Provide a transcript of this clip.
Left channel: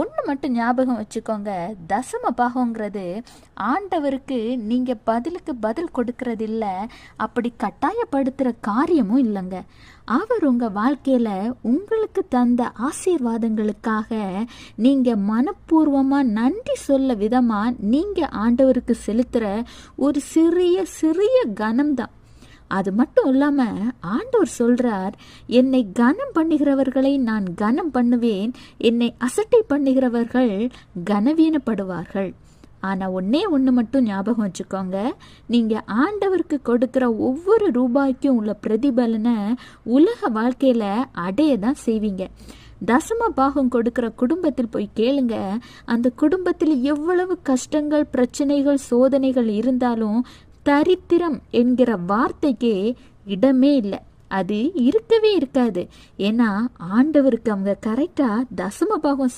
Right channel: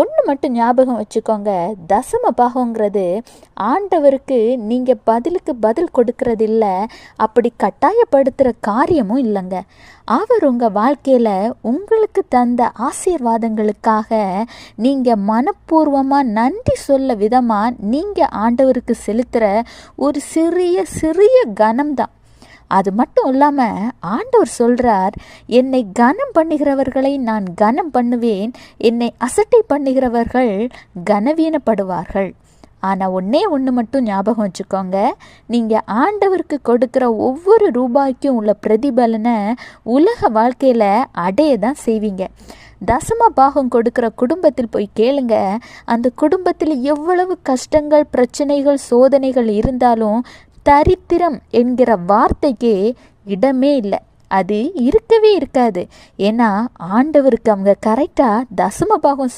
ஒன்று மட்டும் ஞாபகம் வச்சுக்கோங்க, தசம பாகங்கிறது ஆண்டவருக்கு நீங்கள் பதிலுக்கு பதில் கொடுக்கறது இல்லை, அப்படி கட்டாயப்படுத்துகிற காரியமும் இல்லைங்க. அவர் உங்கள் வாழ்க்கையில் உங்களுக்கு தந்த ஆசீர்வாதங்களுக்காக நீங்கள் மனப்பூர்வமாக நன்றி சொல்ல விதமாக நீங்கள் ஆண்டவருக்கு செலுத்துகிற ஒரு சிறிய கனம்தான். அது மட்டும் இல்லாமல் ஆண்டவர் சொல்கிறார், என்னை கனம் பண்ணுகிறவர்களை நான் கனம் பண்ணுவேன், என்னை அசட்டை பண்ணுகிறவர்கள் கனவீனப்படுவார்கள். ஆனால் ஒன்று மட்டும் ஞாபகம் வச்சுக்கோங்க, நீங்கள் ஆண்டவருக்கு கொடுக்குற ஒவ்வொரு ரூபாய்க்கும் உள்ள பிரதிபலனை உலக வாழ்க்கையில் அடைய தான் செய்வீங்க. தசம பாகம் கொடுக்குற குடும்பத்தில் போய் கேளுங்க, அந்த குடும்பத்தில் எவ்வளவு கஷ்டங்கள், பிரச்சனைகள், சோதனைகள் இருந்தாலும் தரித்திரம் என்கிற வார்த்தைக்கு இடமே இல்லை, அது இருக்கவே இருக்காது. ஏன்னா ஆண்டவருக்கு அவங்க கரெக்டாக தசம பாகம்